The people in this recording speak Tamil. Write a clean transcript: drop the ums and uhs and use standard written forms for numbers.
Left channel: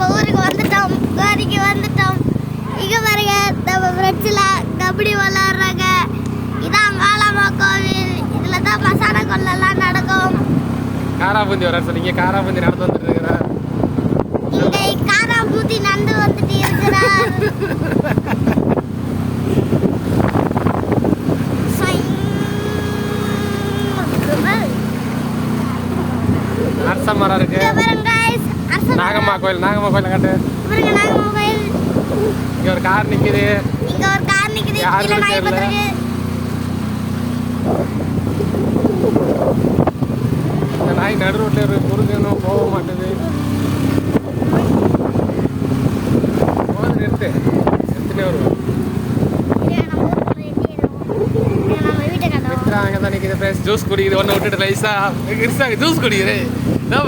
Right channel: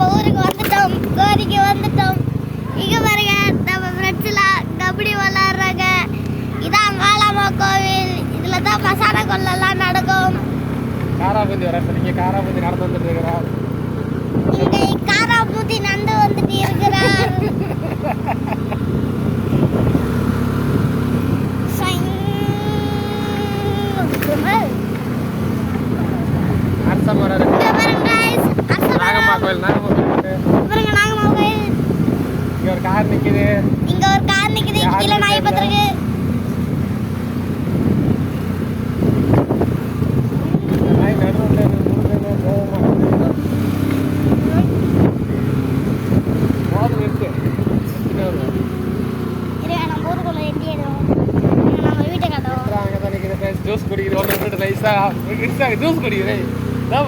நம்ம ஊருக்கு வந்துட்டோம், கோரிக்கு வந்துட்டோம். இங்க பாருங்க நம்ம ஃப்ரெண்ட்ஸ்லாம் கபடி விளையாடுறாங்க. இதான் மாலாமா கோவில். இதுல தான் மசாலா கொள்ளலாம் நடக்கும். காராபூந்தி வர சொன்னீங்க, காராபூந்தி நடந்து வந்துட்டு இருக்கிறார். இங்க காராபூந்தி நடந்து வந்துட்டு இருக்கிறார். அரசமரம் இருக்கு. நாகம்மா கோயில், நாகம்மா கோயில் காட்டு. பாருங்க நாகம்மா கோயில். இங்க ஒரு கார் நிக்குது. இங்க ஒரு கார் நிக்குது. கீழ நாய் பத்திருக்கு. இந்த நாய் நடு ரோட்ல முருகனும் போக மாட்டேது. போது நிறுத்து, நிறுத்திட்டே வருவோம். நம்ம ஊருக்குள்ள எட்டிடுவோம். நம்ம வீட்டை காட்டுவோம். அங்கே தான் நிற்கிது. ஜூஸ் குடிக்குது. ஒன்று விட்டுட்டு ரைஸா ஜூஸ் குடிக்கிறேன். என்ன